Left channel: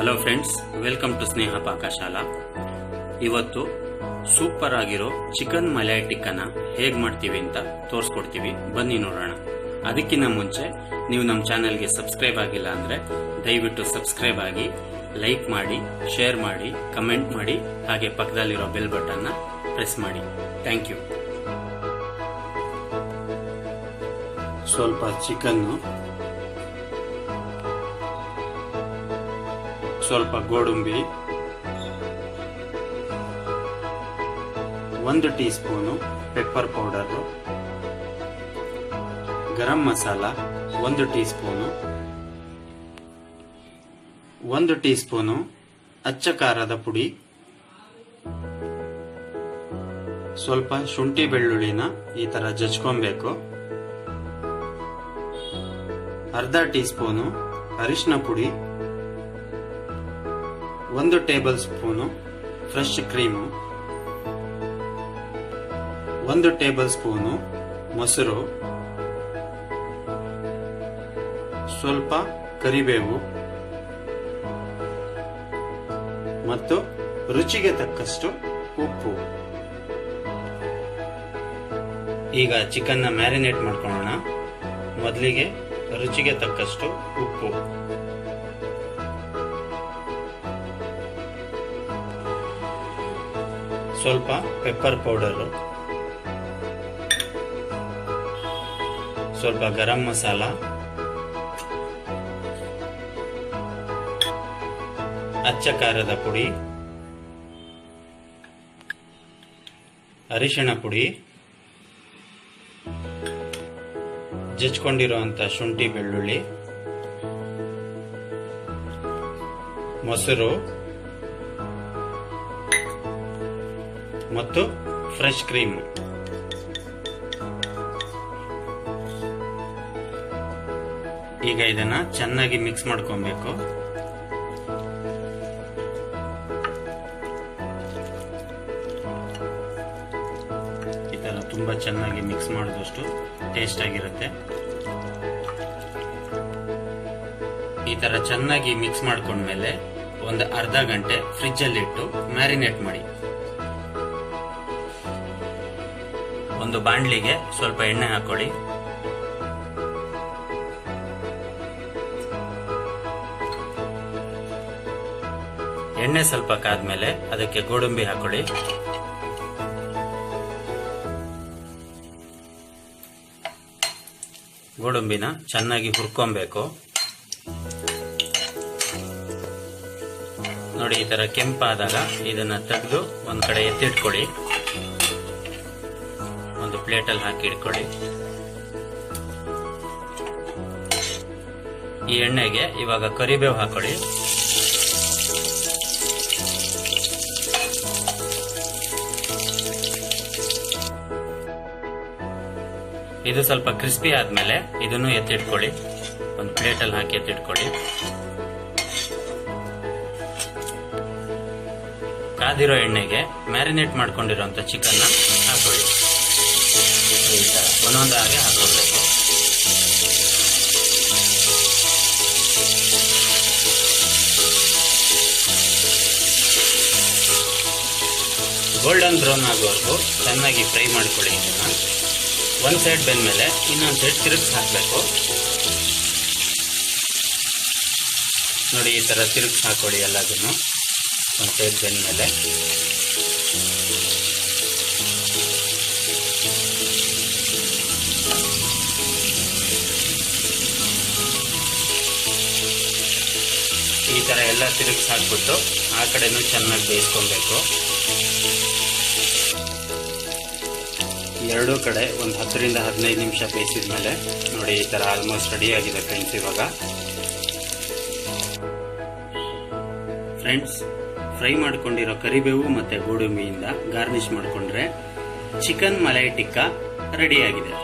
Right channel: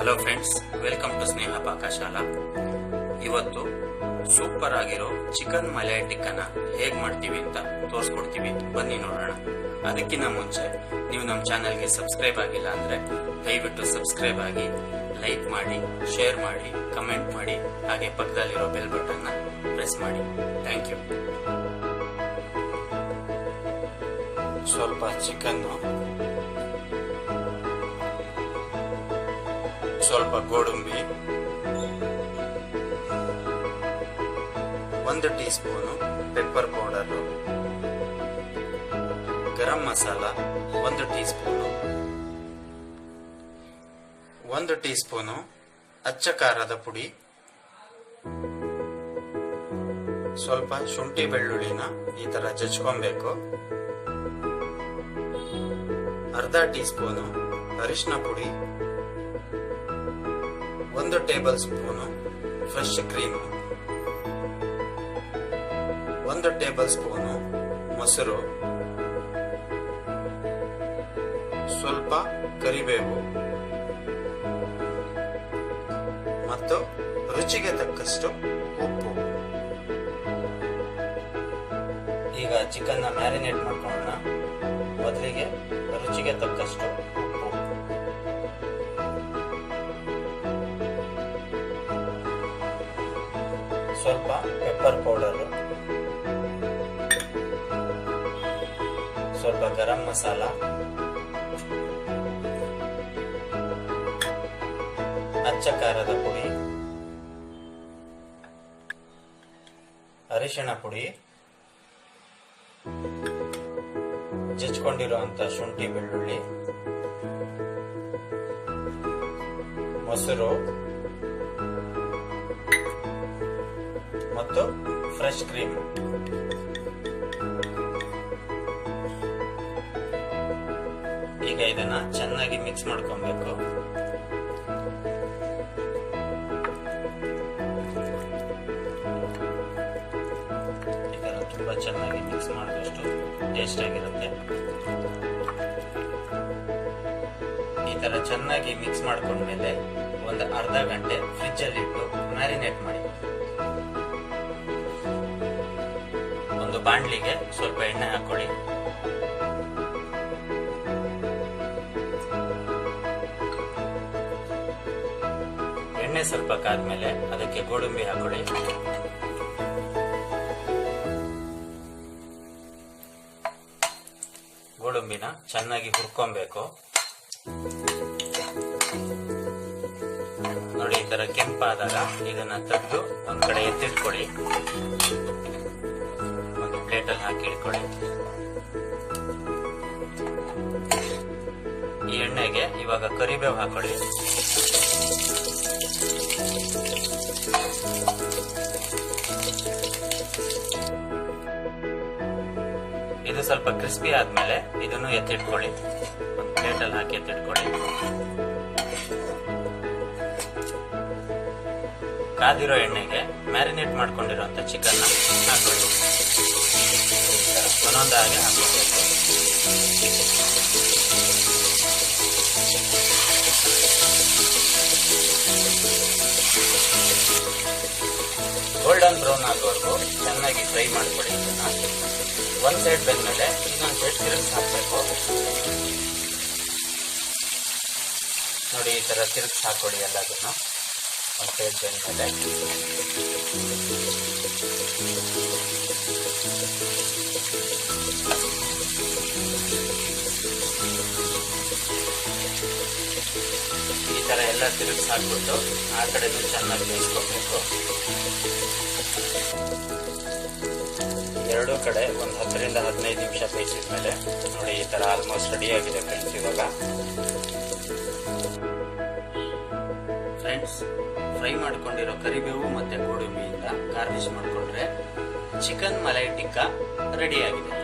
Hello friends, welcome to ಸ್ನೇಹ ಪಾಕಶಾಲಾ. ಇವತ್ತು super ಆಗಿರೋ chicken malai ಟಿಕ್ಕನ ಹೇಗ್ ಮಾಡ್ತೀವಿ ಅಂತ ತೋರಿಸ್ಕೊಡ್ತೀವಿ. ಬನ್ನಿ ನೋಡೋಣ. ಅದಕ್ಕಿಂತ ಮುಂಚೆ ನೀವು ನಮ್ಮ ಚಾನೆಲ್ಗೆ ಸಬ್ಸ್ಕ್ರೈಬ್ ಆಗಿಲ್ಲ ಅಂದ್ರೆ ದಯವಿಟ್ಟು ಸಬ್ಸ್ಕ್ರೈಬ್ ಆಗಿ, ಲೈಕ್ ಮಾಡಿ, ಶೇರ್ ಮಾಡಿ, ಕಮೆಂಟ್ ಮಾಡಿ, ಹಾಗೆ ಪಕ್ಕದಲ್ಲಿರೋ ಬೆಲ್ ಬಟನ್ನ ಪ್ರೆಸ್ ಮಾಡಿ. Thank you. ಸ್ವಲ್ಪ ಚಿಕನ್ನು, ಸ್ವಲ್ಪ ಗೋಡಂಬಿ, 1 tea spoon pepper powder, garam masala 1 tea spoon, 1 tea spoon ಅಚ್ಚ ಖಾರದ ಪುಡಿ, ಸ್ವಲ್ಪ ಶುಂಠಿ ಬೆಳ್ಳುಳ್ಳಿನ ಈ ತರ ಜಜ್ಕೊಬೇಕು, ಅರ್ಧ ಟೀ ಸ್ಪೂನು ಅರಿಶಿನ ಪುಡಿ, 1 table spoon fresh cream, 1 table spoon ಮೊಸರು, ಸ್ವಲ್ಪ ಕರಿಬೇವು ಮತ್ತು ರುಚಿಗೆ ತಕ್ಕಷ್ಟು ಉಪ್ಪು. ಈಗ ಚಿಕನ್ನ ಮ್ಯಾರಿನೇಟ್ ಮಾಡ್ಕೊಳ್ಳೋಣ. ಮೊದಲಿಗೆ ರುಚಿಗೆ ತಕ್ಕಷ್ಟು ಉಪ್ಪು, ಸ್ವಲ್ಪ ಪೆಪ್ಪರ್ ಪೌಡರ್, ಸ್ವಲ್ಪ ಗರಂ ಮಸಾಲ, ಅಚ್ಚ ಖಾರದ ಪುಡಿ, ಅರಿಶಿಣ ಪುಡಿ, ಜಜ್ಕೊಂಡಿರುವಂತ ಶುಂಠಿ ಬೆಳ್ಳುಳ್ಳಿ, ಮೊಸರು ಮತ್ತು ಫ್ರೆಶ್ ಕ್ರೀಮ್. ಈಗ ಇದನ್ನ ಚೆನ್ನಾಗಿ ಮಿಕ್ಸ್ ಮಾಡ್ಕೊಬೇಕು. ಈ ತರ ತುಂಬಾ ಚೆನ್ನಾಗಿ ಮಿಕ್ಸ್ ಮಾಡಿದಷ್ಟು ಟೇಸ್ಟ್ ಆಗಿರುತ್ತೆ. ಈ ತರ ಚೆನ್ನಾಗಿ ಮಿಕ್ಸ್ ಮಾಡ್ಕೊಂಡ್ಮೇಲೆ ಒಂದು ಅರ್ಧ ಗಂಟೆ ಫ್ರಿಡ್ಜ್ ಅಲ್ಲಿ ಇಟ್ಟು ಮ್ಯಾರಿನೇಟ್ ಮಾಡಿ. ಒಂದು ಬಾಂಡ್ಲಿಗೆ ಸ್ವಲ್ಪ ಎಣ್ಣೆ ಹಾಕೊಳ್ಳಿ. ಎಣ್ಣೆ ಸ್ವಲ್ಪ ಕಾದ್ಮೇಲೆ ಅದಕ್ಕೆ ಗೋಡಂಬಿ ಹಾಕೊಳ್ಳಿ. ಗೋಡಂಬಿನ ಚೆನ್ನಾಗಿ ಹುರ್ಕೊಬೇಕು. ನೋಡಿ, ಈ ತರ ಕೆಂಪಾದಾಗ ಇದನ್ನ ತೆಗೆದು ಒಂದ್ ಕಡೆ ಎತ್ತಿಟ್ಕೊಳ್ಳಿ. ಒಂದು ಪ್ಲೇಟಲ್ಲಿ ಹಾಕಿ ಇಟ್ಕೊಳ್ಳಿ. ಈ ಎಣ್ಣೆಗೆ ಇವಾಗ ಕರಿಬೇವು ಹಾಕೊಳ್ಳಿ. ಇದು ಸ್ವಲ್ಪ ಕ್ರಿಸ್ಪಿ ಆದ್ಮೇಲೆ ಇದನ್ನು ಎತ್ತಿಟ್ಕೊಳ್ಳಿ. ಒಂದು ಪ್ಲೇಟಲ್ಲಿ ಹಾಕಿ ಎತ್ತಿಟ್ಕೊಳ್ಳಿ. ಕಾದಿರೋ ಎಣ್ಣೆಗೆ ಮ್ಯಾರಿನೇಟ್ ಮಾಡ್ಕೊಂಡಿರೋಂಥ ಚಿಕನ್ನ ಹಾಕೊಳ್ಳಿ. ಈ ತರ ಒಂದೊಂದಾಗಿ ಹಾಕೋಬೇಕು. ಗೋಲ್ಡನ್ ಬ್ರೌನ್ ಆಗೋವರೆಗೂ ಚೆನ್ನಾಗಿ ಫ್ರೈ ಮಾಡ್ಕೊಳ್ಳಿ. ಇದನ್ನ ಒಂದ್ ಸೈಡ್ ಬೆಂದ್ಮೇಲೆ ಇನ್ನೊಂದು ಸೈಡ್ ತಿರುಗಿಸಿ ಹಾಕಬೇಕು. ನೋಡಿ, ಈ ತರ ತಿರುಗಿಸಿ ಹಾಕೊಳ್ಳಿ ಎಲ್ಲದನ್ನು. ಒಂದು ಸೈಡ್ ಬೆಂದ್ಮೇಲೆ ಈ ತರ ಎಲ್ಲ ತಿರುಗಿಸಿ ಹಾಕ್ಬಿಟ್ಟು ಆ ಕಡೆನೂ ಚೆನ್ನಾಗಿ ಬೇಯಿಸ್ಕೊಬೇಕು. ಎರಡೂ ಕಡೆ ಒಂದು 10 ರಿಂದ 15 ನಿಮಿಷ ಬೇಯಿಸಿದ್ಮೇಲೆ ನೋಡಿ, ಈ ತರ ಆಲ್ಮೋಸ್ಟ್ ರೆಡಿ ಆಗಿದೆ ಫ್ರೆಂಡ್ಸ್. ಇವಾಗ ಫ್ರೆಂಡ್ಸ್, ಫ್ರೈ ಮಾಡ್ಕೊಂಡಿರೋ ಕರಿಬೇವು ಮತ್ತೆ ಗೋಡಂಬಿಯಿಂದ ಗಾರ್ನಿಶ್ ಮಾಡಿಕೊಂಡ್ರೆ ಚಿಕನ್ ಮಲೈ ಟಿಕ್ಕಾ ರೆಡಿ ಆಗಿದೆ.